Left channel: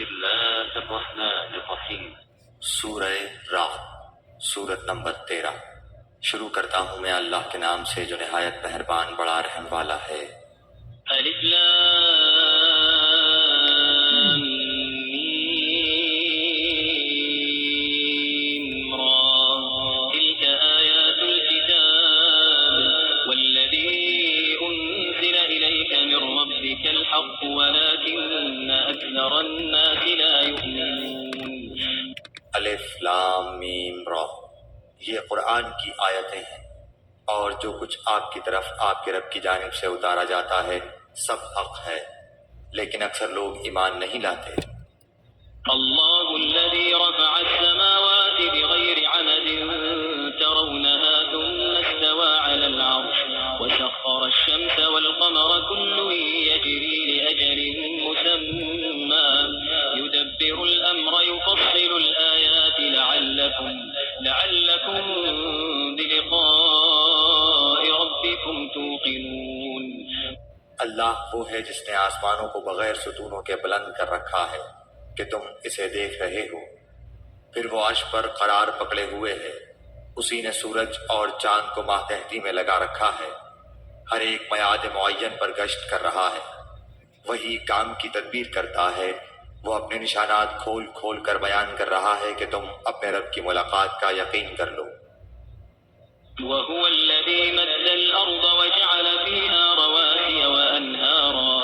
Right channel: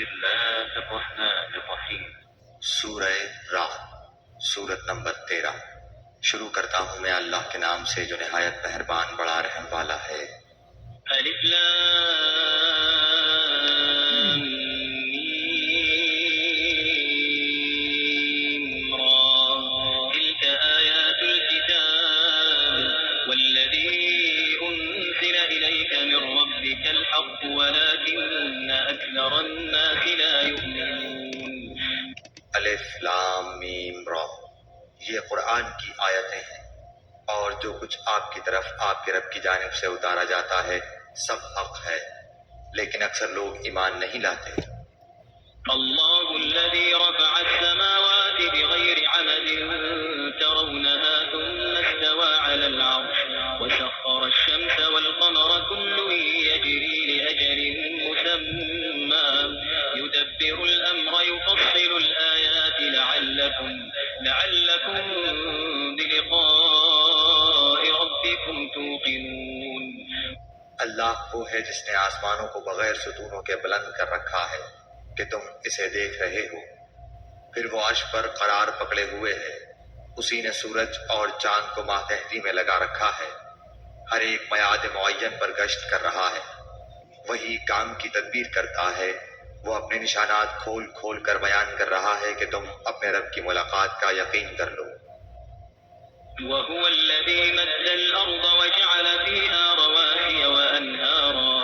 الله الرحمن الرحیم۔ سورہ رعد، سورت نمبر 13۔ شروع کرتا ہوں میں اللہ کے نام سے جو نہایت مہربان بڑا رحم والا ہے۔ الف لام میم را، تلك آیات الكتاب والذی انزل الیک من ربک الحق ولكن اکثر الناس لا یؤمنون۔ الف لام میم را، یہ قرآن کی آیتیں ہیں، اور جو کچھ آپ کی طرف آپ کے رب کی جانب سے اتارا جاتا ہے سب حق ہے، لیکن اکثر لوگ ایمان نہیں لاتے۔ اللہ الذي رفع السماوات بغير عمد ترونها ثم استوى على العرش وسخر الشمس والقمر كل يجري لأجل مسمى يدبر الأمر يفصل الآيات لعلكم بلقاء ربكم توقنون۔ اللہ وہ ہے جس نے آسمانوں کو بغیر ستونوں کے بلند کر رکھا ہے کہ تم اسے دیکھ رہے ہو، پھر وہ عرش پر قرار پکڑے ہوئے ہے۔ اسی نے سورج اور چاند کو ماتحتی میں لگا رکھا ہے، ہر ایک میعاد معین پر گشت کر رہا ہے۔ وہی کام کی تدبیر کرتا ہے، وہ اپنے نشانات کھول کھول کر بیان کر رہا ہے کہ تم اپنے رب کی ملاقات کا یقین کر لو۔ وهو الذي مد الأرض وجعل فيها رواسي وأنهارا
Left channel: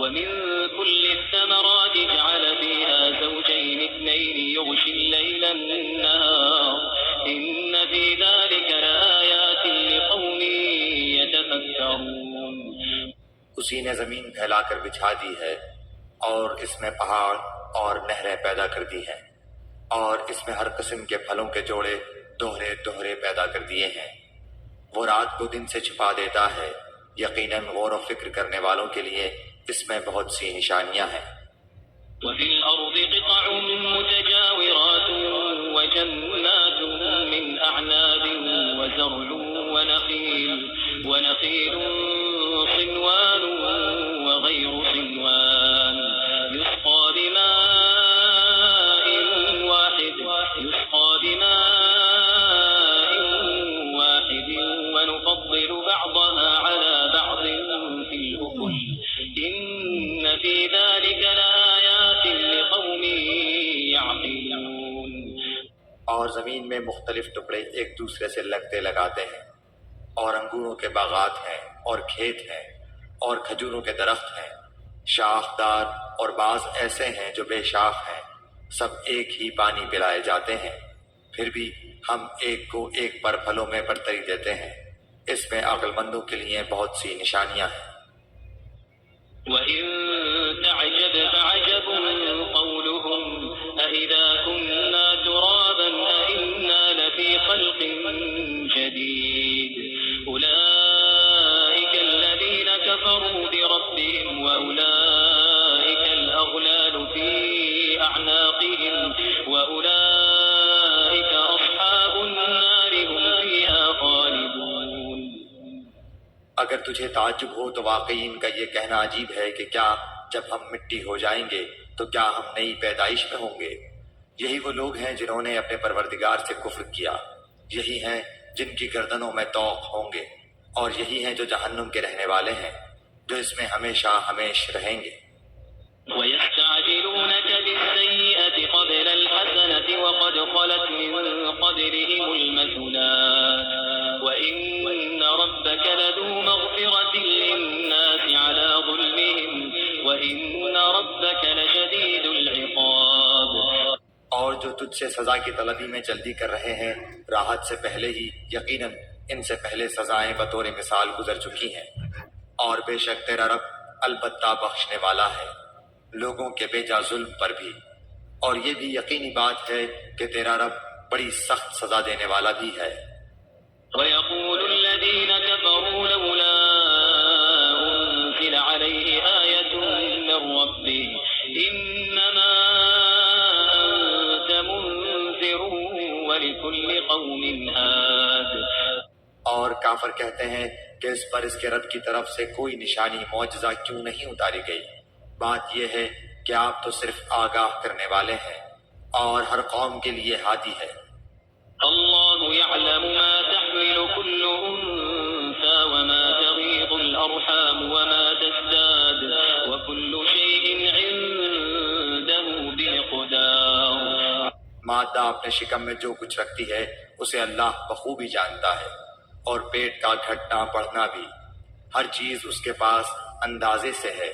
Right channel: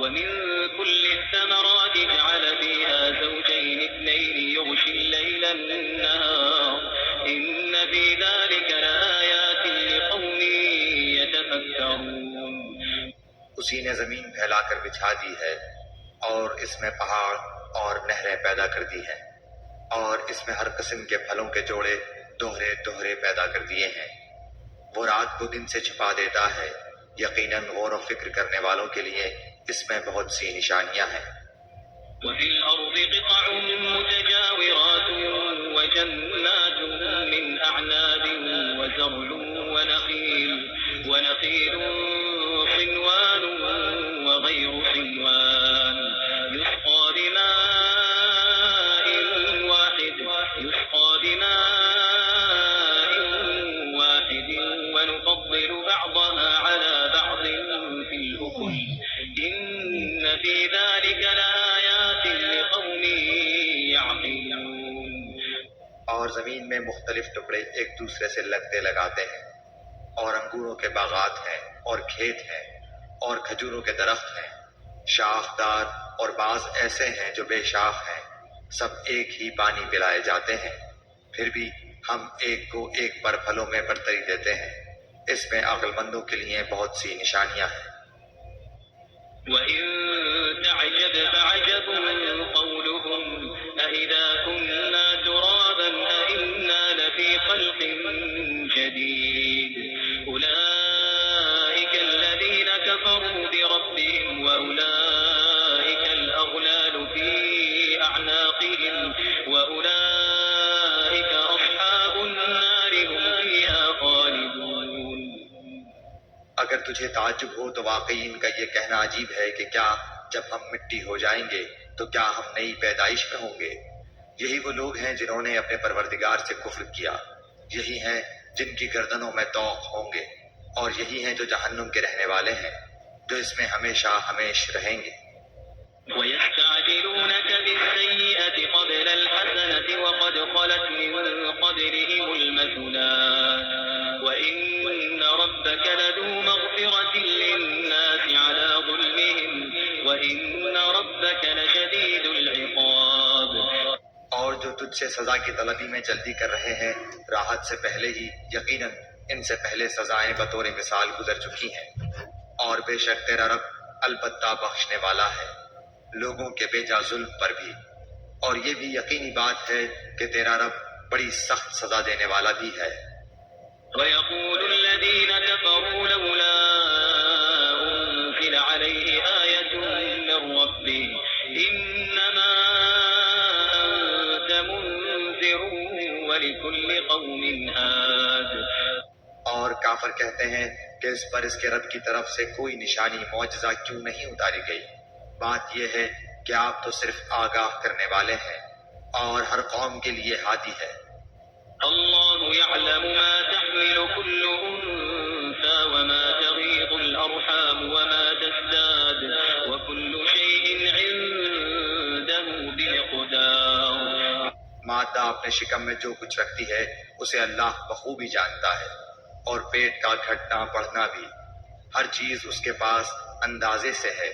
ومن كل الثمرات جعل فيها زوجين اثنين يغشي الليل النهار إن في ذلك لآيات لقوم يتفكرون۔ اسی نے زمین پھیلا کر بچھا دی ہے، اور اس میں پہاڑ اور نہریں پیدا کر دی ہیں، اور اس میں ہر قسم کے پھلوں کے جوڑے دوہرے دوہرے پیدا کر دیے ہیں۔ وہ رات کو دن سے چھپا دیتا ہے، یقیناً غور و فکر کرنے والوں کے لیے اس میں بہت سی نشانیاں ہیں۔ وفي الأرض قطع متجاورات وجنات من أعناب وزرع ونخيل صنوان وغير صنوان يسقى بماء واحد ونفضل بعضها على بعض في الأكل إن في ذلك لآيات لقوم يعقلون۔ اور زمین میں مختلف ٹکڑے ایک دوسرے سے لگتے لگاتے ہیں، اور انگوروں کے باغات ہیں اور کھیت ہیں اور کھجوروں کے درخت ہیں، شاخدار، اور بعض ایسے ہیں جو بے شاخ ہیں، سب ایک ہی پانی پلائے جاتے ہیں، پھر بھی ہم ایک کو ایک پر پھلوں میں برتری دیتے ہیں۔ اس میں عقل مندوں کے لیے بہت سی نشانیاں ہیں۔ وَإِن تَعْجَبْ فَعَجَبٌ قَوْلُهُمْ أَإِذَا كُنَّا تُرَابًا أَإِنَّا لَفِي خَلْقٍ جَدِيدٍ أُولَئِكَ الَّذِينَ كَفَرُوا بِرَبِّهِمْ وَأُولَئِكَ الْأَغْلَالُ فِي أَعْنَاقِهِمْ وَأُولَئِكَ أَصْحَابُ النَّارِ هُمْ فِيهَا خَالِدُونَ۔ اگر تجھے تعجب ہو تو واقعی ان کا یہ کہنا عجیب ہے کہ کیا جب ہم مٹی ہو جائیں گے تو کیا ہم نئی پیدائش میں ہوں گے؟ یہی وہ لوگ ہیں جنہوں نے اپنے پروردگار سے کفر کیا، یہی ہیں جن کی گردنوں میں طوق ہوں گے، اور یہی ہیں جو جہنم کے رہنے والے ہیں، جو اس میں ہمیشہ ہمیش رہیں گے۔ وَيَسْتَعْجِلُونَكَ بِالسَّيِّئَةِ قَبْلَ الْحَسَنَةِ وَقَدْ خَلَتْ مِن قَبْلِهِمُ الْمَثُلَاتُ وَإِنَّ رَبَّكَ لَذُو مَغْفِرَةٍ لِّلنَّاسِ عَلَىٰ ظُلْمِهِمْ وَإِنَّ رَبَّكَ لَشَدِيدُ الْعِقَابِ۔ اور جو تجھ سے سزا کی طلبی میں جلدی کر رہے ہیں راحت سے پہلے ہی، یقیناً ان سے پہلے سزائیں بطور مثال گزر چکی ہیں، اور بے شک تیرا رب البتہ بخشنے والا ہے لوگوں کے بیجا ظلم پر بھی، اور یہ بھی یقینی بات ہے کہ تیرا رب بڑی سخت سزا دینے والا بھی ہے۔ وَيَقُولُ الَّذِينَ كَفَرُوا لَوْلَا أُنزِلَ عَلَيْهِ آيَةٌ مِّن رَّبِّهِ إِنَّمَا أَنتَ مُنذِرٌ وَلِكُلِّ قَوْمٍ هَادٍ۔ اور کافر کہتے ہیں کہ اس پر اس کے رب کی طرف سے کوئی نشانی معجزہ کیوں نہیں اتاری گئی؟ بات یہ ہے کہ آپ تو صرف آگاہ کرنے والے ہیں اور ہر قوم کے لیے ہادی ہے۔ اللہ يعلم ما تحمل كل انثى وما تغيض الارحام وما تزداد وكل شيء عنده بمقدار۔ مادہ اپنے شکم میں جو کچھ رکھتی ہے اسے اللہ بخوبی جانتا ہے، اور پیٹ کا گھٹنا بڑھنا بھی، ہر چیز اس کے پاس اندازے سے ہے۔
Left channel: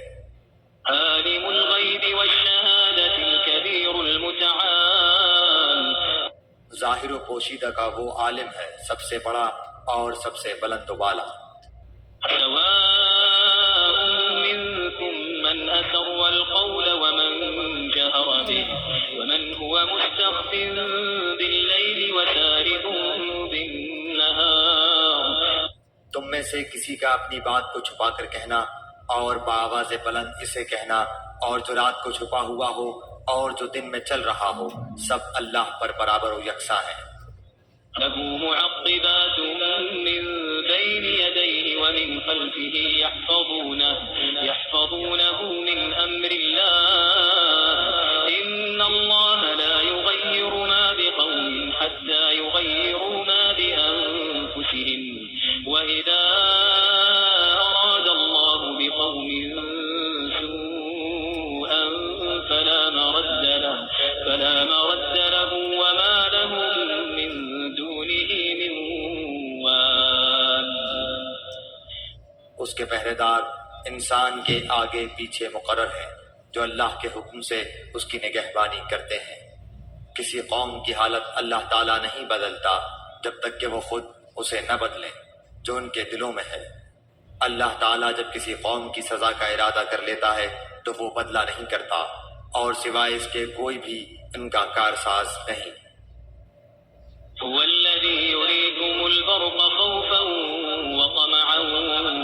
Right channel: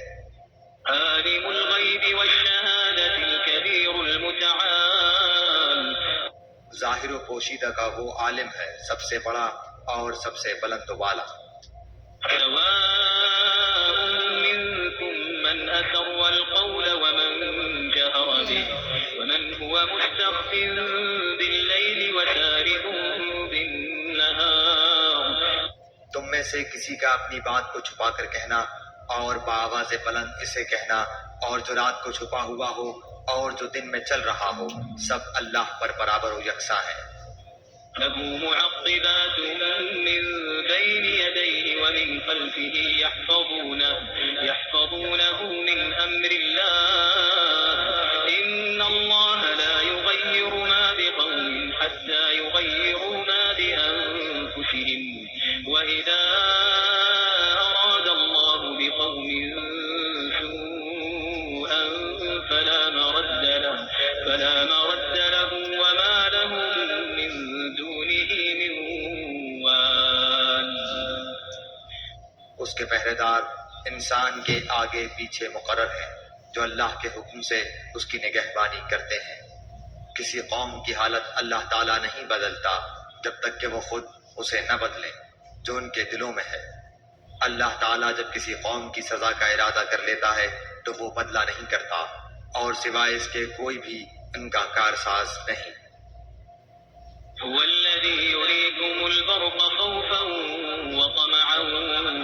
عالم الغیب والشہادة الكبیر المتعال۔ ظاہر و پوشیدہ کا وہ عالم ہے، سب سے بڑا اور سب سے بلند و بالا۔ سواء منكم من أسر القول ومن جهر به ومن هو مستخف بالليل وسارب بالنهار۔ تم میں سے کسی کا اپنی بات کو چھپا کر کہنا اور بآواز بلند اسے کہنا، اور جو رات کو چھپا ہوا ہو اور جو دن میں چل رہا ہو، سب اللہ پر برابر و یکساں ہیں۔ له معقبات من بين يديه ومن خلفه يحفظونه من أمر الله إن الله لا يغير ما بقوم حتى يغيروا ما بأنفسهم وإذا أراد الله بقوم سوءا فلا مرد له وما لهم من دونه من وال۔ اس کے پہرے دار انسان کے آگے پیچھے مقرر ہیں، جو اللہ کے حکم سے اس کی نگہبانی کرتے ہیں۔ کسی قوم کی حالت اللہ تعالیٰ نہیں بدلتا جب تک کہ وہ خود اسے نہ بدلیں جو ان کے دلوں میں ہے۔ اللہ تعالیٰ جب کسی قوم کی سزا کا ارادہ کر لیتا ہے تو وہ بدلہ نہیں کرتا، اور سوائے اس کے کوئی بھی ان کا کارساز نہیں۔ هو الذي يريكم البرق خوفا وطمعا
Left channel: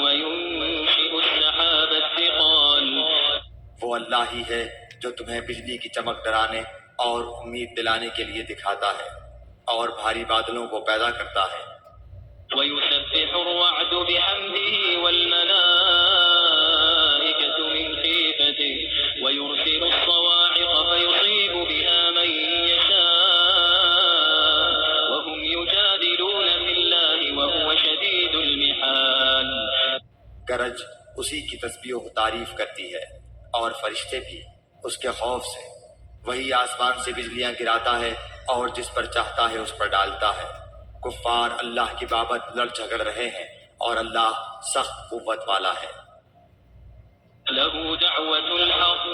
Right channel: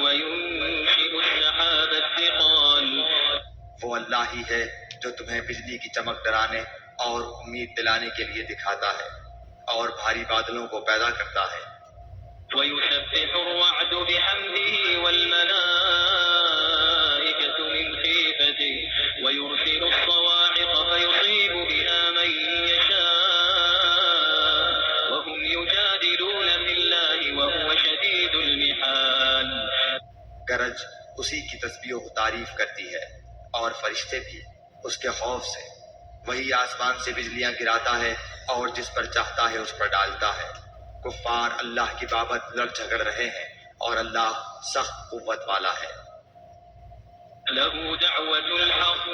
وينشئ السحاب الثقال۔ وہ اللہ ہی ہے جو تمہیں بجلی کی چمک ڈرانے اور امید دلانے کے لیے دکھاتا ہے، اور بھاری بادلوں کو پیدا کرتا ہے۔ ويسبح الرعد بحمده والملائكة من خيفته ويرسل الصواعق فيصيب بها من يشاء وهم يجادلون في الله وهو شديد المحال۔ گرج اسی کی تسبیح و تعریف کرتی ہے، اور فرشتے بھی اس کے خوف سے۔ وہی آسمان سے بجلیاں گراتا ہے اور جس پر چاہتا ہے اس پر ڈالتا ہے۔ کفار اللہ کی بابت لڑ جھگڑ رہے ہیں، اور اللہ سخت قوت والا ہے۔ له دعوة الحق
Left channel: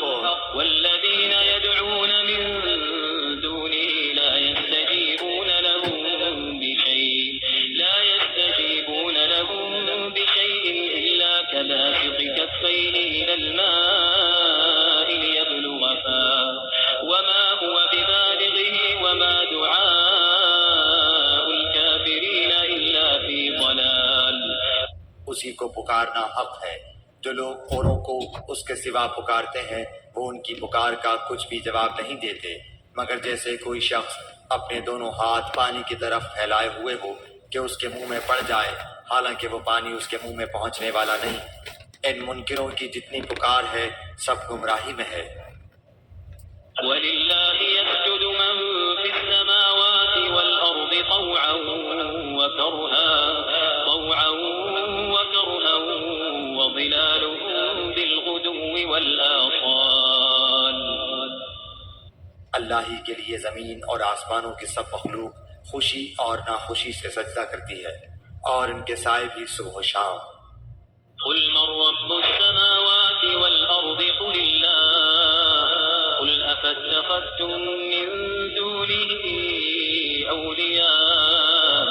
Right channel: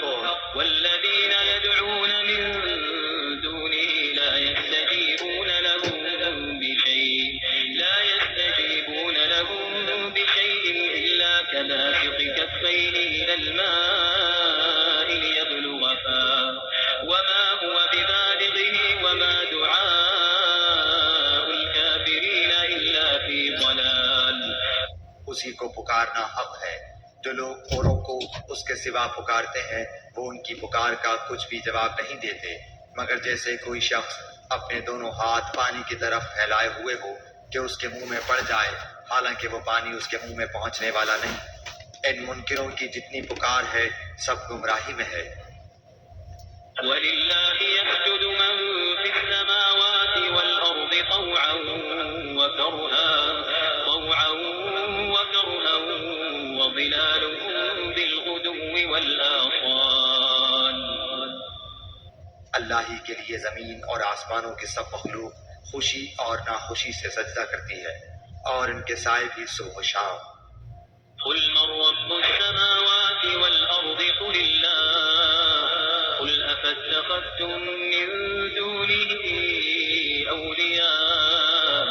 والذين يدعون من دونه لا يستجيبون لهم بشيء إلا كباسط كفيه إلى الماء ليبلغ فاه وما هو ببالغه وما دعاء الكافرين إلا في ضلال۔ اسی کو پکارنا حق ہے۔ جو لوگ اوروں کو اس کے سوا پکارتے ہیں وہ ان کی پکار کا کچھ بھی جواب نہیں دیتے، مگر جیسے کوئی شخص اپنے دونوں ہاتھ پانی کی طرف پھیلائے ہوئے ہو کہ اس کے منہ میں پڑ جائے، حالانکہ وہ پانی اس کے منہ میں پہنچنے والا نہیں۔ ان منکروں کی جتنی پکار ہے سب گمراہی میں ہے۔ وَلِلَّهِ يَسْجُدُ مَن فِي السَّمَاوَاتِ وَالْأَرْضِ طَوْعًا وَكَرْهًا وَظِلَالُهُم بِالْغُدُوِّ وَالْآصَالِ۔ اللہ ہی کے لیے زمین اور آسمانوں کی سب مخلوق خوشی اور ناخوشی سے سجدہ کرتی ہے، اور ان کے سائے بھی صبح و شام۔ قُلْ مَن رَّبُّ السَّمَاوَاتِ وَالْأَرْضِ قُلِ اللَّهُ قُلْ أَفَاتَّخَذْتُم مِّن دُونِهِ أَوْلِيَاءَ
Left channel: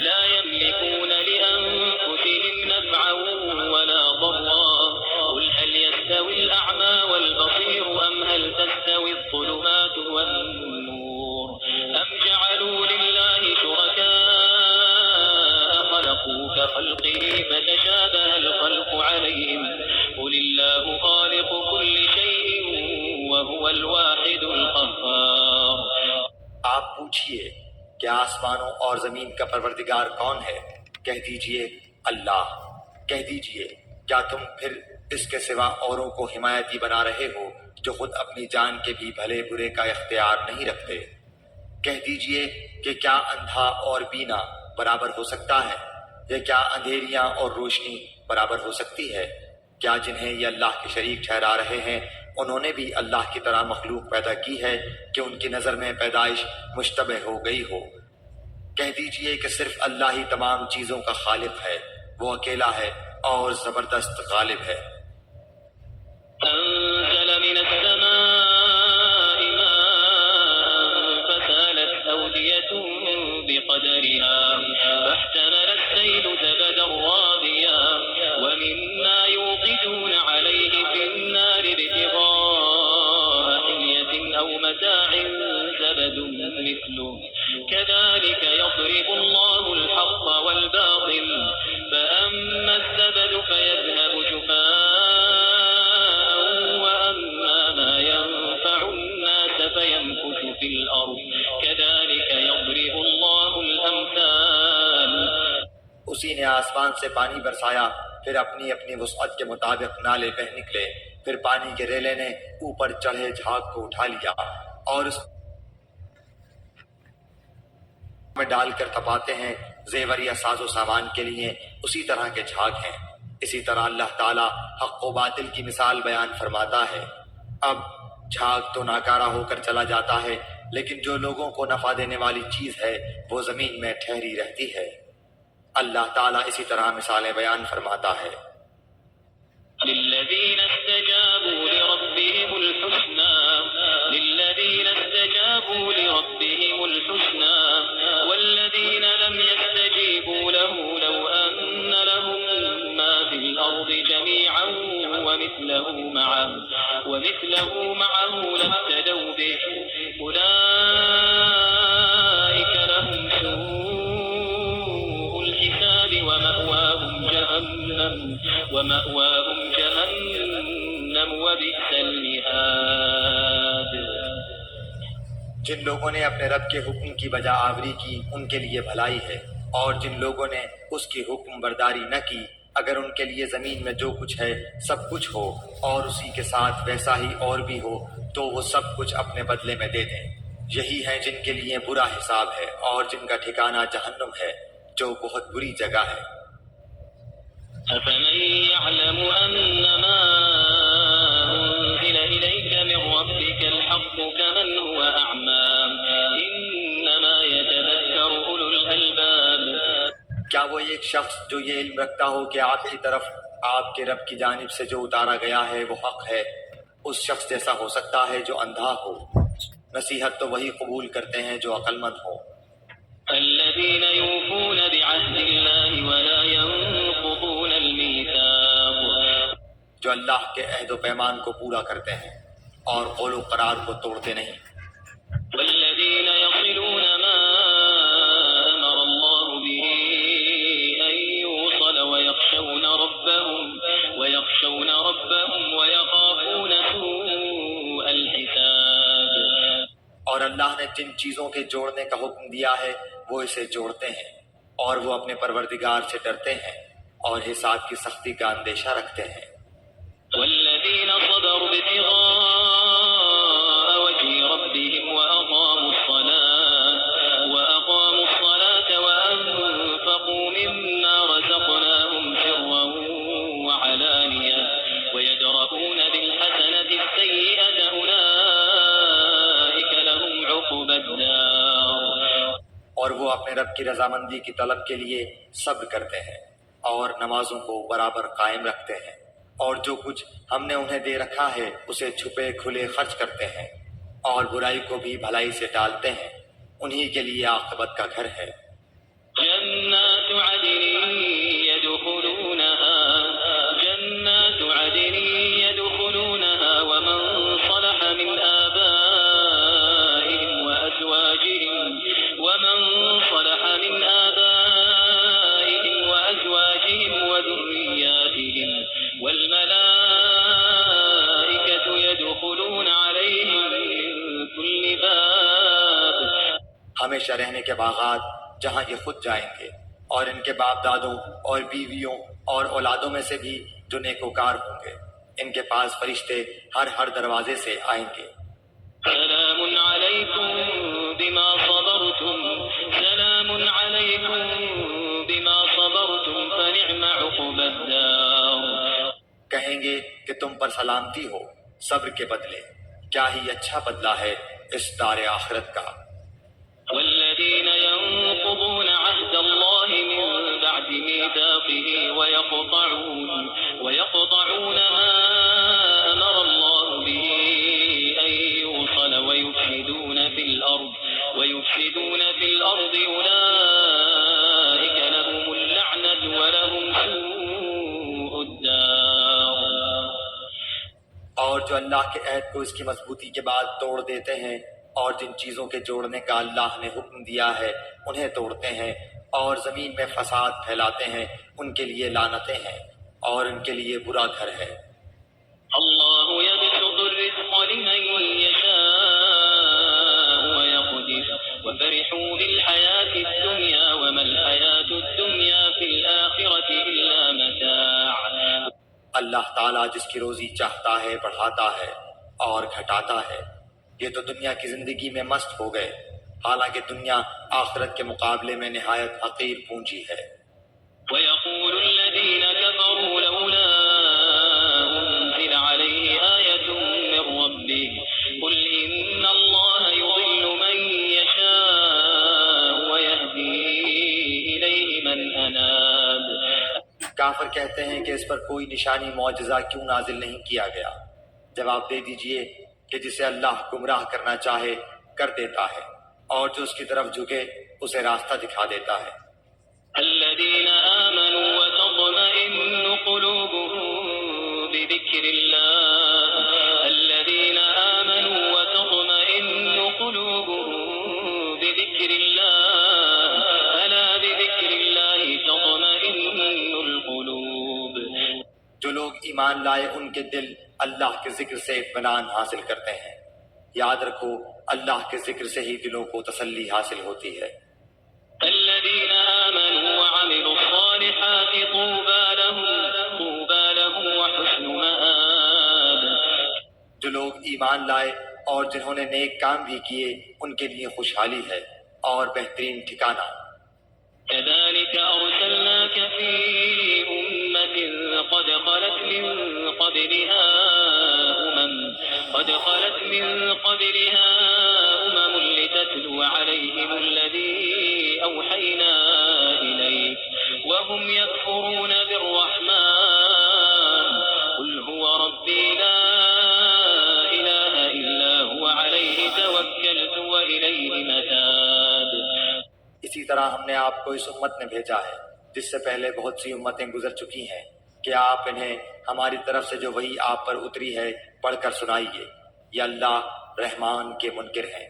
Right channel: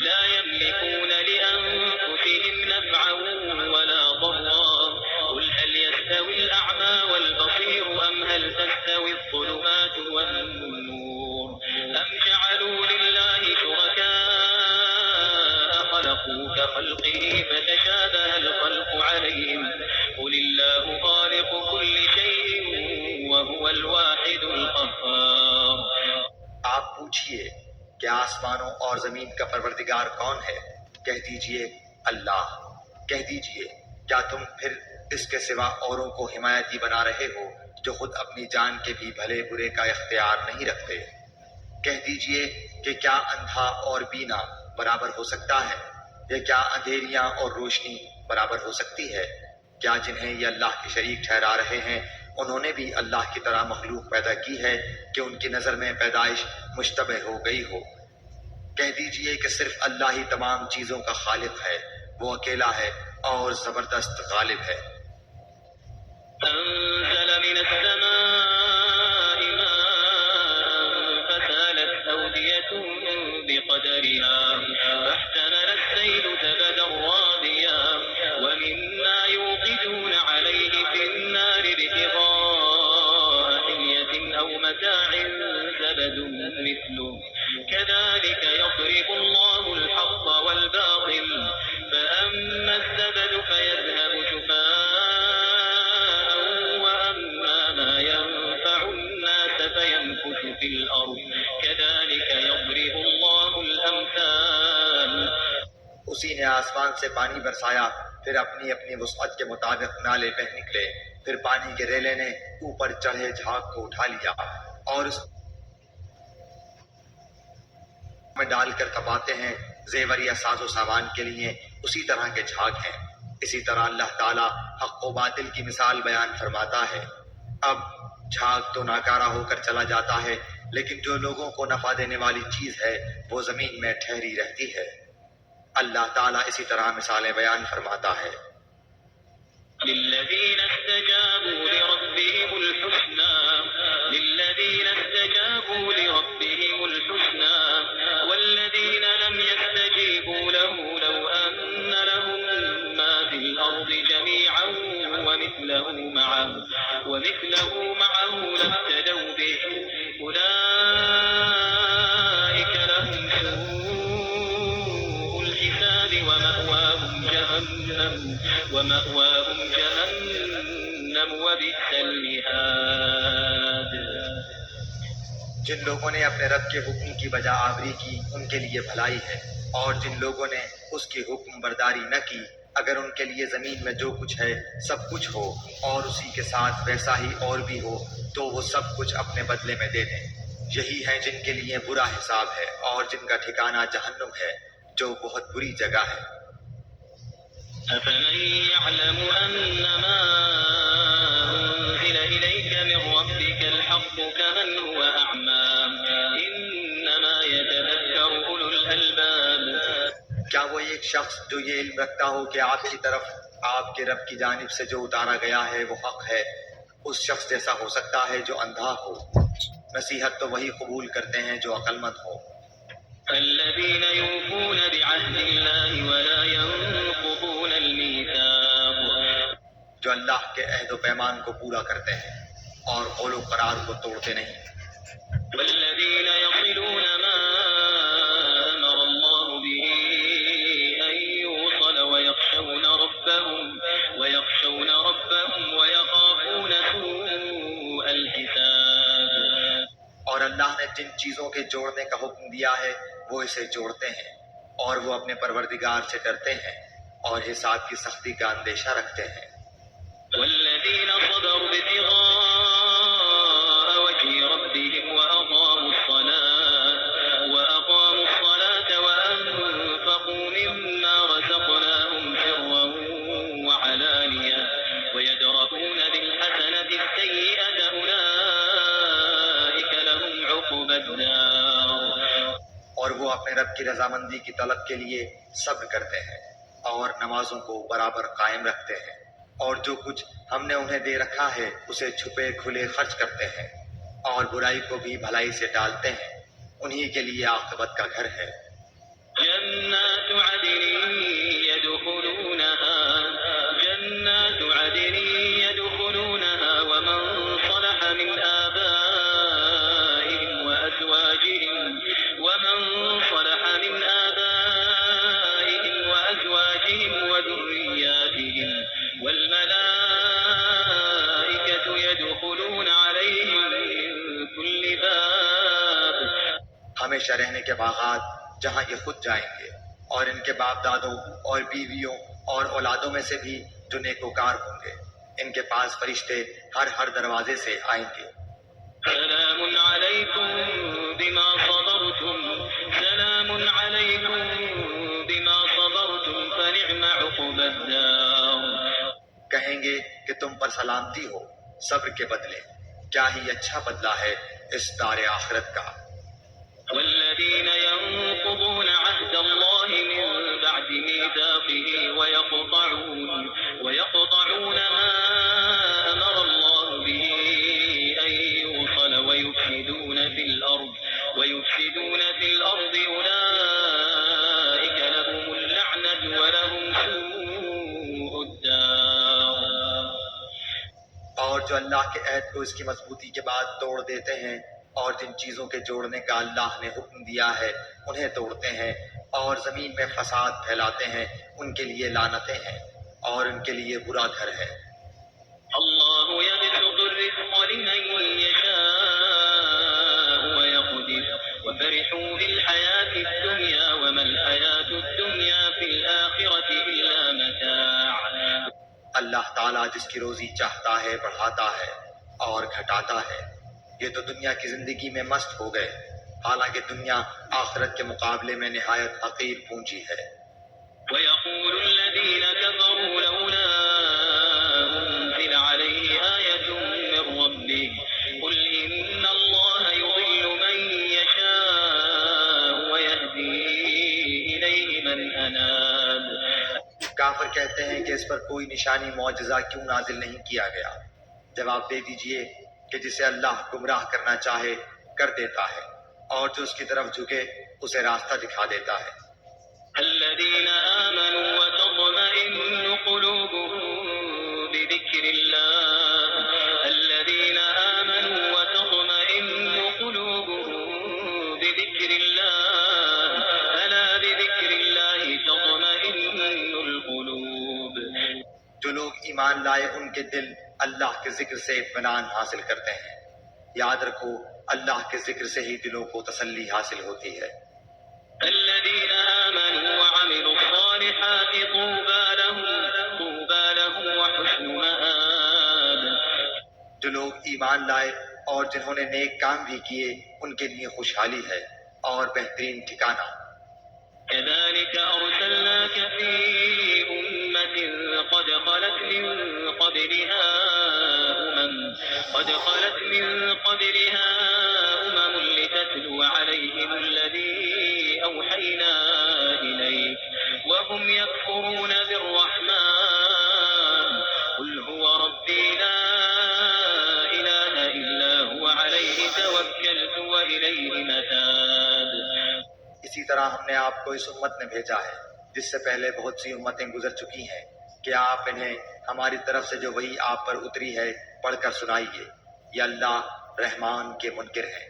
لا يملكون لأنفسهم نفعا ولا ضرا قل هل يستوي الأعمى والبصير أم هل تستوي الظلمات والنور أم جعلوا لله شركاء خلقوا كخلقه فتشابه الخلق عليهم قل الله خالق كل شيء وهو الواحد القهار۔ آپ پوچھئے کہ آسمانوں اور زمین کا پروردگار کون ہے؟ کہہ دیجئے اللہ۔ کہہ دیجئے کیا تم پھر اس کے سوا اوروں کو حمایتی بنا رہے ہو جو خود اپنی جان کے بھی بھلے برے کا اختیار نہیں رکھتے؟ کہہ دیجئے کہ کیا اندھا اور بینا برابر ہو سکتا ہے؟ یا کیا اندھیریاں اور روشنی برابر ہو سکتی ہے؟ کیا جنہیں یہ اللہ کے شریک ٹھہرا رہے ہیں انہوں نے بھی اللہ کی طرح مخلوق پیدا کی ہے کہ ان کی نظر میں پیدائش مشتبہ ہو گئی ہو؟ کہہ دیجئے کہ صرف اللہ ہی تمام چیزوں کا خالق ہے، وہ اکیلا ہے اور زبردست غالب ہے۔ أنزل من السماء ماء فسالت أودية بقدرها فاحتمل السيل زبدا رابيا ومما يوقدون عليه في النار ابتغاء حلية أو متاع زبد مثله كذلك يضرب الله الحق والباطل فأما الزبد فيذهب جفاء وأما ما ينفع الناس فيمكث في الأرض كذلك يضرب الله الأمثال۔ اسی نے آسمان سے پانی برسایا، پھر اپنی اپنی وسعت کے مطابق نالے بہہ نکلے، پھر پانی کے ریلے نے اوپر چڑھے جھاگ کو اٹھا لیا اور اس میں ڈال کر تپاتے ہیں زیور یا ساز و سامان کے لیے، اسی طرح کے جھاگ ہیں۔ اسی طرح اللہ تعالیٰ حق و باطل کی مثال بیان فرماتا ہے۔ اب جھاگ تو ناکارہ ہو کر چلا جاتا ہے، لیکن جو لوگوں کو نفع دینے والی چیز ہے وہ زمین میں ٹھہری رہتی ہے۔ اللہ تعالیٰ اسی طرح مثالیں بیان فرماتا ہے۔ للذين استجابوا لربهم الحسنى والذين لم يستجيبوا له لو أن لهم ما في الأرض جميعا ومثله معه لافتدوا به أولئك لهم سوء الحساب ومأواهم جهنم وبئس المهاد۔ جن لوگوں نے اپنے رب کے حکم کی بجا آوری کی ان کے لیے بھلائی ہے، اور جن لوگوں نے اس کی حکم برداری نہ کی اگر ان کے لیے زمین میں جو کچھ ہے سب کچھ ہو اور اسی کے ساتھ ویسا ہی اور بھی ہو تو وہ سب کچھ اپنے بدلے میں دے دیں۔ یہی ہیں جن کے لیے برا حساب ہے اور جن کا ٹھکانہ جہنم ہے جو بہت بری جگہ ہے۔ أفمن يعلم أنما أنزل إليك من ربك الحق كمن هو أعمى إنما يتذكر أولو الألباب۔ کیا وہ ایک شخص جو یہ علم رکھتا ہو کہ آپ کی طرف آپ کے رب کی جانب سے جو اتارا گیا ہے وہ حق ہے، اس شخص جیسا ہو سکتا ہے جو اندھا ہو؟ نصیحت تو وہی قبول کرتے ہیں جو عقل مند ہو۔ الذين يوفون بعهد الله ولا ينقضون الميثاق، جو اللہ کے عہد و پیمان کو پورا کرتے ہیں اور قول و قرار کو توڑتے نہیں۔ والذين يصلون ما أمر الله به أن يوصل ويخشون ربهم ويخافون سوء الحساب۔ اور اللہ نے جن چیزوں کے جوڑنے کا حکم دیا ہے وہ اسے جوڑتے ہیں، اور وہ اپنے پروردگار سے ڈرتے ہیں اور حساب کی سختی کا اندیشہ رکھتے ہیں۔ والذين صبروا ابتغاء وجه ربهم وأقاموا الصلاة وأنفقوا مما رزقناهم سرا وعلانية ويدرؤون بالحسنة السيئة أولئك لهم عقبى الدار۔ اور وہ اپنے رب کی رضامندی کی طلب کے لیے صبر کرتے ہیں اور نمازوں کو برابر قائم رکھتے ہیں، اور جو کچھ ہم نے انہیں دے رکھا ہے اسے چھپے کھلے خرچ کرتے ہیں، اور برائی کو بھی بھلائی سے ٹالتے ہیں، انہی کے لیے عاقبت کا گھر ہے۔ جنات عدن يدخلونها ومن صلح من آبائهم وأزواجهم وذرياتهم والملائكة يدخلون عليهم من كل باب۔ ہم ہمیشہ رہنے کے باغات جہاں یہ خود جائیں گے، اور ان کے باپ دادوں اور بیویوں اور اولادوں میں سے بھی جو نیکوکار ہوں گے، ان کے پاس فرشتے ہر دروازے سے آئیں گے۔ سلام علیکم بما صبرتم سلام علیکم بما صبرتم فنعم عقبى الدار۔ کہیں گے کہ تم پر سلامتی ہو صبر کے بدلے، کیا ہی اچھا بدلہ ہے اس دار آخرت کا۔ والذين ينقضون عهد الله من بعد ميثاقه ويقطعون ما أمر الله به أن يوصل ويفسدون في الأرض أولئك لهم اللعنة ولهم سوء الدار۔ اور جو اللہ کے عہد کو اس کی مضبوطی کے بعد توڑ دیتے ہیں اور جن چیزوں کے جوڑنے کا اللہ نے حکم دیا ہے انہیں توڑتے ہیں اور زمین میں فساد پھیلاتے ہیں، ان کے لیے لعنتیں ہیں اور ان کے لیے برا گھر ہے۔ اللہ یبسط الرزق لمن یشاء ویقدر وفرحوا بالحیاة الدنیا وما الحیاة الدنیا فی الآخرة الا متاع۔ اللہ تعالیٰ جس کی روزی چاہتا ہے بڑھاتا ہے اور گھٹاتا ہے، یہ تو دنیا کی زندگی میں مست ہو گئے، حالانکہ دنیا آخرت کے مقابلے میں نہایت حقیر پونجی ہے۔ وَيَقُولُ الَّذِينَ كَفَرُوا لَوْلَا أُنزِلَ عَلَيْهِ آيَةٌ مِّن رَّبِّهِ قُلْ إِنَّ اللَّهَ يُضِلُّ مَن يَشَاءُ وَيَهْدِي إِلَيْهِ مَنْ أَنَابَ۔ کافر کہتے ہیں کہ اس پر کوئی نشانی معجزہ کیوں نازل نہیں کیا گیا؟ جواب دے دیجئے کہ جسے اللہ گمراہ کرنا چاہے کر دیتا ہے، اور جو اس کی طرف جھکے اسے راستہ دکھا دیتا ہے۔ الذين آمنوا وتطمئن قلوبهم بذكر الله الذين آمنوا وتطمئن قلوبهم بذكر الله ألا بذكر الله تطمئن القلوب۔ جو لوگ ایمان لائے ان کے دل اللہ کے ذکر سے اطمینان حاصل کرتے ہیں۔ یاد رکھو اللہ کے ذکر سے ہی دلوں کو تسلی حاصل ہوتی ہے۔ الذين آمنوا وعملوا الصالحات طوبى لهم وحسن مآب۔ جو لوگ ایمان لائے اور جنہوں نے نیک کام بھی کیے ان کے لیے خوشحالی ہے اور بہترین ٹھکانہ۔ كذلك أرسلناك في أمة قد خلت من قبلها أمم لتتلو عليهم الذي أوحينا إليك وهم يكفرون بالرحمن قل هو ربي لا إله إلا هو عليه توكلت وإليه متاب۔ اسی طرح ہم نے آپ کو اس امت میں بھیجا ہے جس سے پہلے بہت سی امتیں گزر چکی ہیں کہ آپ انہیں ہماری طرف سے جو وحی آپ پر اتری ہے پڑھ کر سنائیے۔ یہ اللہ رحمان کے منکر ہیں۔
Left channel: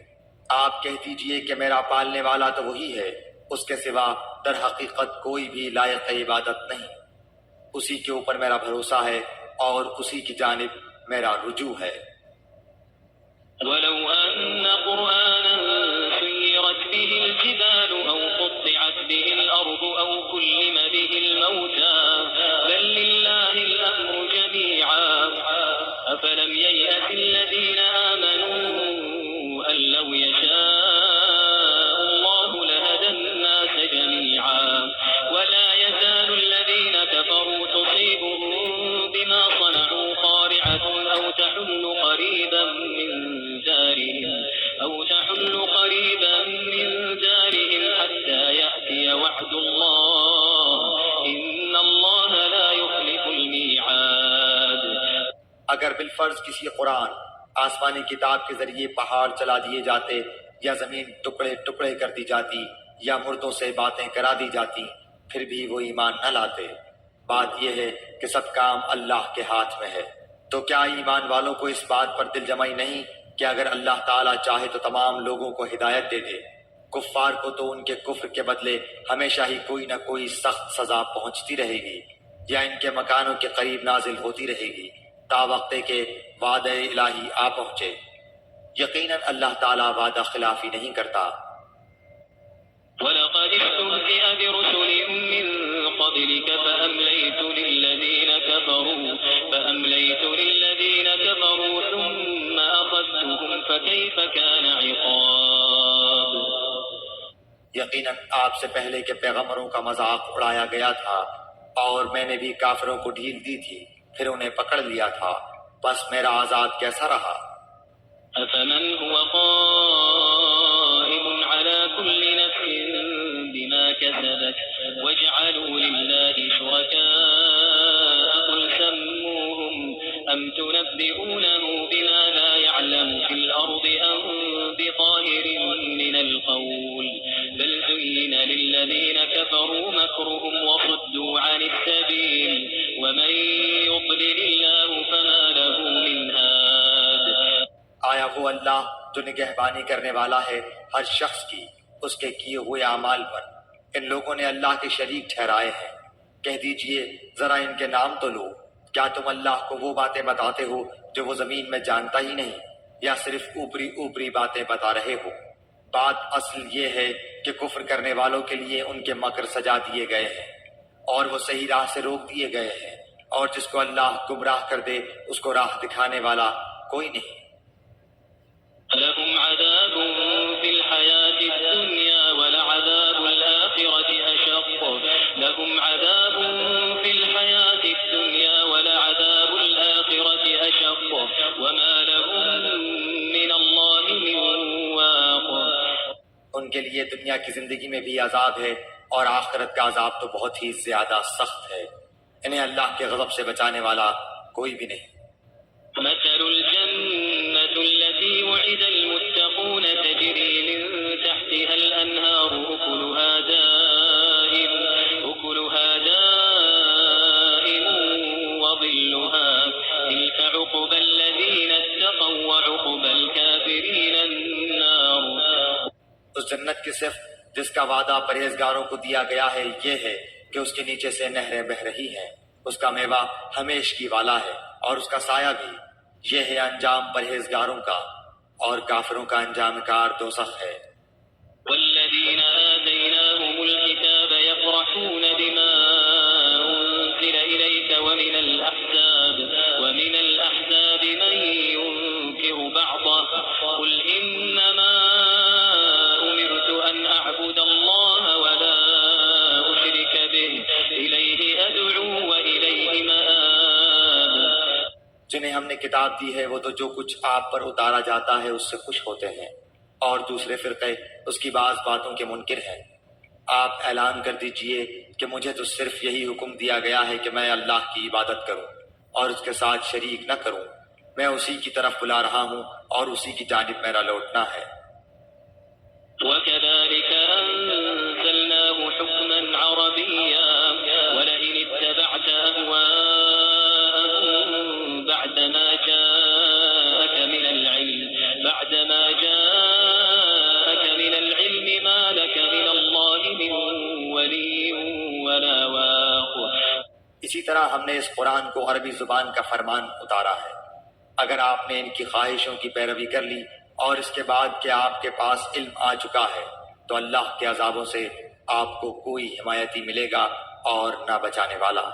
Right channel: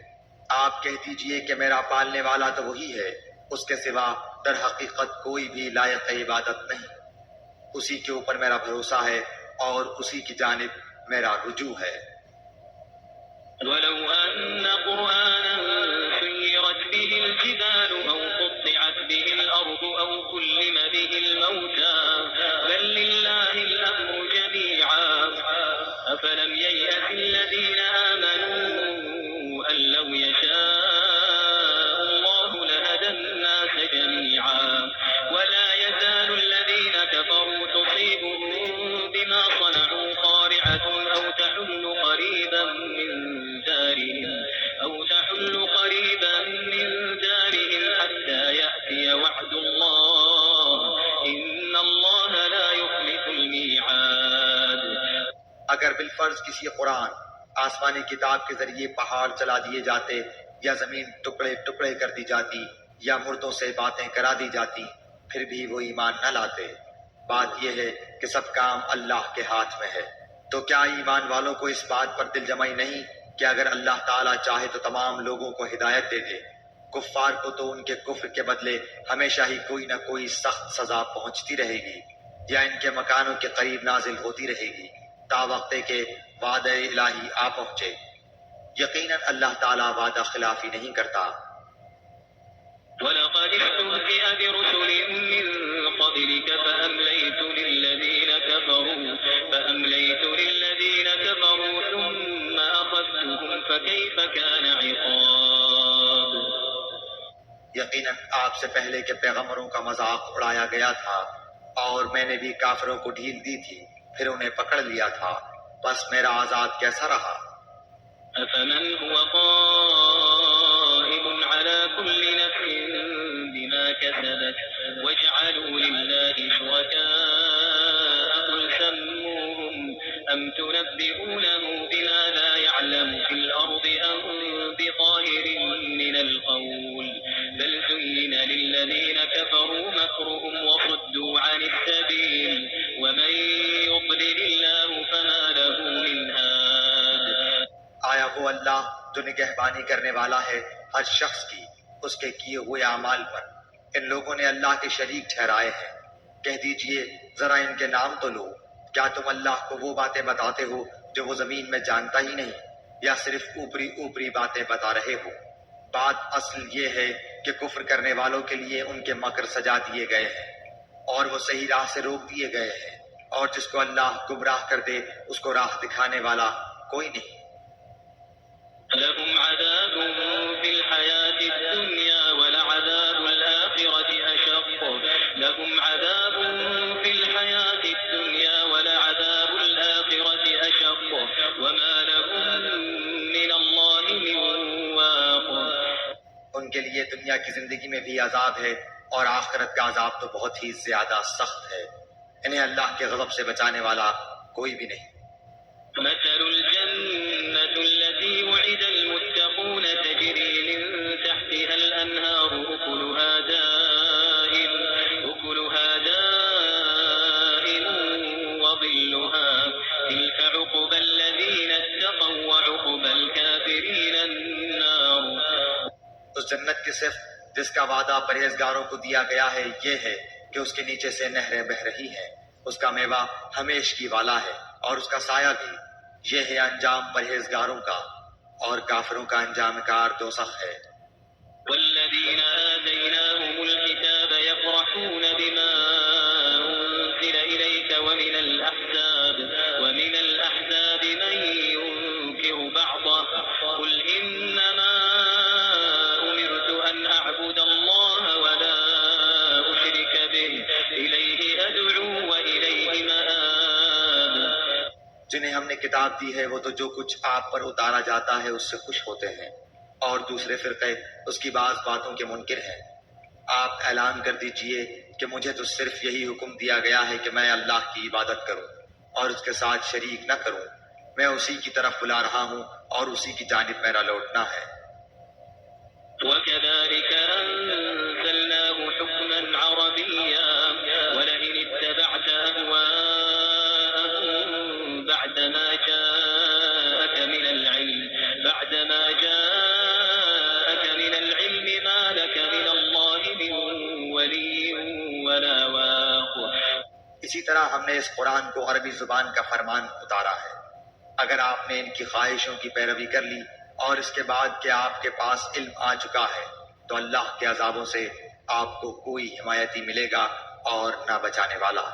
آپ کہہ دیجئے کہ میرا پالنے والا تو وہی ہے، اس کے سوا در حقیقت کوئی بھی لائق عبادت نہیں، اسی کے اوپر میرا بھروسہ ہے اور اسی کی جانب میرا رجوع ہے۔ وَلَوْ أَنَّ قُرْآنًا سُيِّرَتْ بِهِ الْجِبَالُ أَوْ قُطِّعَتْ بِهِ الْأَرْضُ أَوْ كُلِّمَ بِهِ الْمَوْتَى بَل لِّلَّهِ الْأَمْرُ جَمِيعًا أَفَلَمْ يَيْأَسِ الَّذِينَ آمَنُوا أَن لَّوْ يَشَاءُ اللَّهُ لَهَدَى النَّاسَ جَمِيعًا وَلَا يَزَالُ الَّذِينَ كَفَرُوا تُصِيبُهُم بِمَا صَنَعُوا قَارِعَةٌ أَوْ تَحُلُّ قَرِيبًا من دارهم حتى يأتي وعد الله إن الله لا يخلف الميعاد۔ اگر بالفرض کسی قرآن آسمانی کتاب کے ذریعے پہاڑ چلا دیے جاتے یا زمین ٹکڑے ٹکڑے کر دی جاتی یا مردوں سے باتیں کرا دی جاتی پھر بھی وہ ایمان نہ لاتے۔ بات یہ ہے کہ سب کام اللہ کے ہاتھ میں ہے۔ تو کیا ایمان والوں کو اس بات پر دل جمعی نہیں کہ اگر اللہ تعالیٰ چاہے تو تمام لوگوں کو ہدایت دے دے؟ کفار کو تو ان کے کفر کے بدلے ہمیشہ ہی کوئی نہ کوئی سخت سزا پہنچتی رہے گی یا ان کے مکانوں کے قریب نازل ہوتی رہے گی تا وقت کہ وعدہ الہی آ پہنچے۔ یقیناً اللہ تعالیٰ وعدہ خلافی نہیں کرتا۔ ولقد استهزئ برسل من قبلك فأمليت للذين كفروا ثم أخذتهم فكيف كان عقاب. یقیناً آپ سے پہلے کے پیغمبروں کا مذاق اڑایا گیا تھا اور میں نے بھی کافروں کو ڈھیل دی تھی، پھر انہیں پکڑ لیا تھا، بس میرا عذاب کیسا رہا. أفمن هو قائم على كل نفس بما كسبت وجعلوا لله شركاء قل سموهم أم تنبئونه بما لا يعلم في الأرض أم بظاهر من القول بل زين للذين كفروا مكرهم وصدوا عن السبيل ومن يضلل الله فما له من هاد. آیا وہ اللہ جو نگہبانی کرنے والا ہے ہر شخص کی اس کے کیے ہوئے اعمال پر، ان لوگوں نے اللہ کے شریک ٹھہرائے ہیں. کہہ دیجئے ذرا ان کے نام تو لو، کیا تم اللہ کو وہ باتیں بتاتے ہو جو وہ زمین میں جانتا ہی نہیں، یا صرف اوپری اوپری باتیں بتا رہے ہو؟ بات اصل یہ ہے کہ کفر کرنے والوں کے لیے ان کے مکر سجا دیے گئے ہیں اور وہ صحیح راہ سے روک دیے گئے ہیں، اور جس کو اللہ گمراہ کر دے اس کو راہ دکھانے والا کوئی نہیں. لهم عذاب في الحياة الدنيا ولعذاب الآخرة أشق لهم عذاب في الحياة الدنيا ولعذاب الآخرة أشق وما لهم من الله من واق. ان کے لیے دنیا کی زندگی میں بھی عذاب ہے اور آخرت کا عذاب تو بہت ہی زیادہ سخت ہے. انہیں اللہ کے غضب سے بچانے والا کوئی بھی نہیں. مثل الجنة التي وعد المتقون تجري من تحتها الأنهار أكلها دائم وظلها تلك عقبى الذين اتقوا وعقبى الكافرين النار. اس جنت کی صفت جس کا وعدہ پرہیزگاروں کو دیا گیا ہے یہ ہے کہ اس کے نیچے سے نہریں بہہ رہی ہیں، اس کا میوہ ہمیشگی والا ہے اور اس کا سایہ بھی. یہ ہے انجام پرہیزگاروں کا، اور کافروں کا انجام کار دوزخ ہے. والذين آتيناهم الكتاب يفرحون بما أنزل إليك ومن الأحزاب من ينكر بعضه قل إنما أمرت أن أعبد الله ولا أشرك به إليه أدعو وإليه مآب. جنہیں ہم نے کتاب دی ہے وہ تو جو کچھ آپ پر اتارا جاتا ہے اس سے خوش ہوتے ہیں، اور دوسرے فرقے اس کی بعض باتوں کے منکر ہیں. آپ اعلان کر دیجئے کہ مجھے تو صرف یہی حکم دیا گیا ہے کہ میں اللہ کی عبادت کروں اور اس کے ساتھ شریک نہ کروں. میں اسی کی طرف بلا رہا ہوں اور اسی کی جانب میرا لوٹنا ہے. وكذلك أنزلناه حكما عربيا ولئن اتبعت أهواءهم بعدما جاءك من العلم ما لك من الله من ولي ولا واق. اسی طرح ہم نے اس قرآن کو عربی زبان کا فرمان اتارا ہے. اگر آپ نے ان کی خواہشوں کی پیروی کر لی اور اس کے بعد کہ آپ کے پاس علم آ چکا ہے تو اللہ کے عذابوں سے آپ کو کوئی حمایتی ملے گا اور نہ بچانے والا.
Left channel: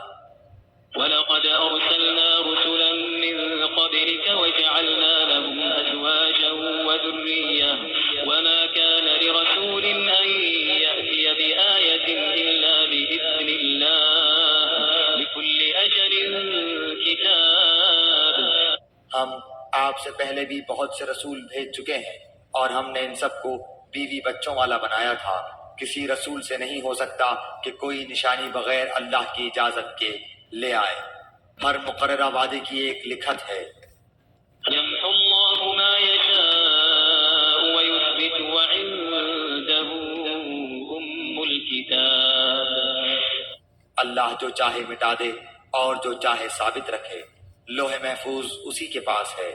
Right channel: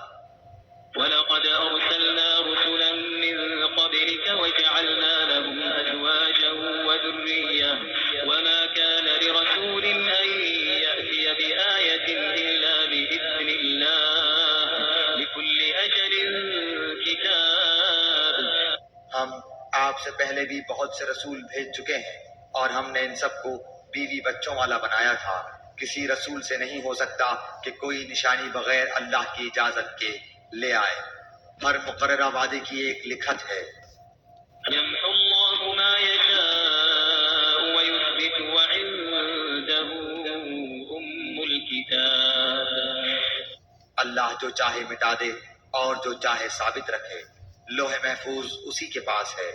وَلَقَدْ أَرْسَلْنَا رُسُلًا مِّن قَبْلِكَ وَجَعَلْنَا لَهُمْ أَزْوَاجًا وَذُرِّيَّةً وَمَا كَانَ لِرَسُولٍ أَن يَأْتِيَ بِآيَةٍ إِلَّا بِإِذْنِ اللَّهِ لِكُلِّ أَجَلٍ كِتَابٌ. ہم آپ سے پہلے بھی بہت سے رسول بھیج چکے ہیں اور ہم نے ان سب کو بیوی بچوں والا بنایا تھا. کسی رسول سے نہیں ہو سکتا کہ کوئی نشانی بغیر اللہ کی اجازت کے لے آئے. ہر مقررہ وعدے کی ایک لکھت ہے. يَمْحُو اللَّهُ مَا يَشَاءُ وَيُثْبِتُ وَعِندَهُ أُمُّ الْكِتَابِ. اللہ جو چاہے مٹا دے اور جو چاہے ثابت رکھے. لوح محفوظ اسی کے پاس ہے.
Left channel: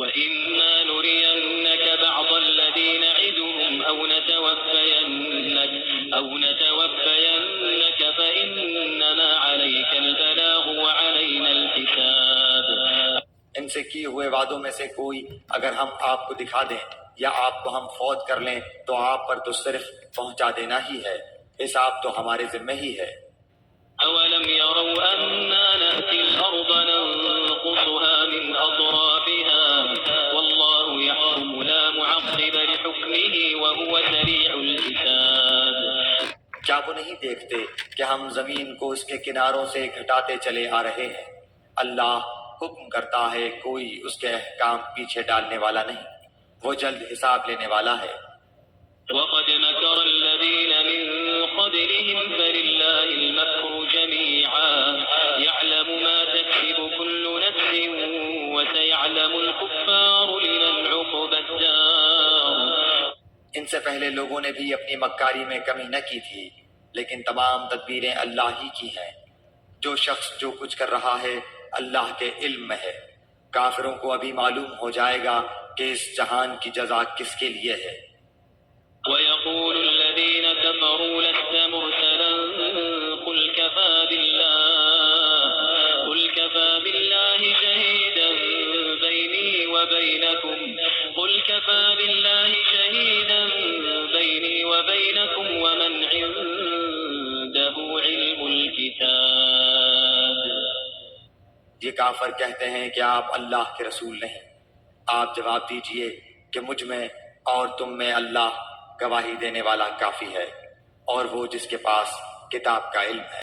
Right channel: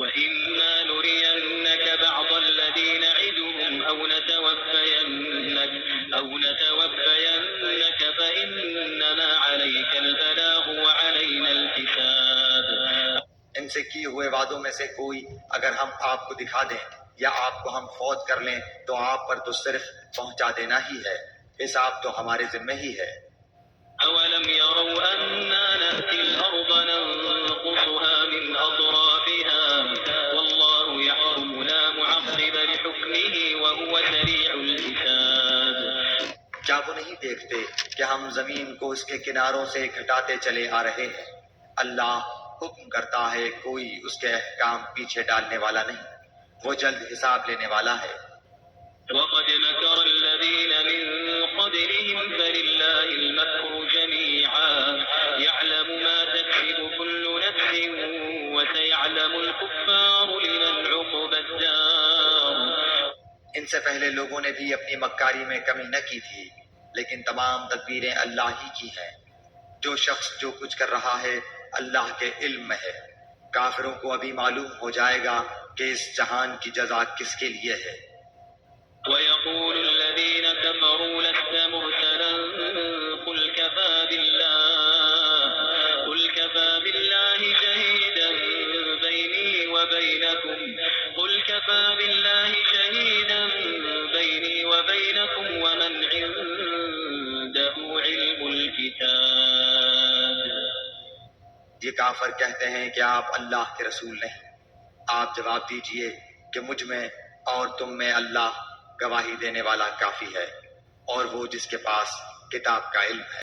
وَإِمَّا نُرِيَنَّكَ بَعْضَ الَّذِي نَعِدُهُمْ أَوْ نَتَوَفَّيَنَّكَ فَإِنَّمَا عَلَيْكَ الْبَلَاغُ وَعَلَيْنَا الْحِسَابُ. ان سے کیے ہوئے وعدوں میں سے کوئی اگر ہم آپ کو دکھا دیں یا آپ کو ہم فوت کر لیں تو آپ پر تو صرف پہنچا دینا ہی ہے، حساب تو ہمارے ذمہ ہی ہے۔ أولم يروا أنا نأتي الأرض ننقصها من أطرافها والله يحكم لا معقب لحكمه وهو سريع الحساب۔ کیا وہ نہیں دیکھتے کہ ہم زمین کو اس کے کناروں سے گھٹاتے چلے آ رہے ہیں؟ اللہ حکم کرتا ہے، کوئی اس کے احکام پیچھے ڈالنے والا نہیں، وہ جلد حساب لینے والا ہے۔ وقد مكر الذين من قبلهم فلله المكر جميعا يعلم ما تكسب كل نفس وسيعلم الكفار لمن عقبى الدار۔ ان سے پہلے لوگوں نے بھی اپنی مکاری میں کمی نہ کی تھی، لیکن تمام تدبیریں اللہ ہی کی ہیں۔ جو شخص جو کچھ کر رہا ہے اللہ کے علم میں ہے۔ کافروں کو ابھی معلوم ہو جائے گا کہ اس جہان کی جزا کس کے لیے ہے۔ ويقول الذين كفروا لست مرسلا قل كفى بالله شهيدا بيني وبينكم ومن عنده علم الكتاب۔ یہ کافر کہتے ہیں کہ آپ اللہ کے رسول نہیں۔ آپ جواب دیجئے کہ مجھ میں اور تم میں اللہ گواہی دینے والا کافی ہے، اور وہ جس کے پاس کتاب کا علم ہے۔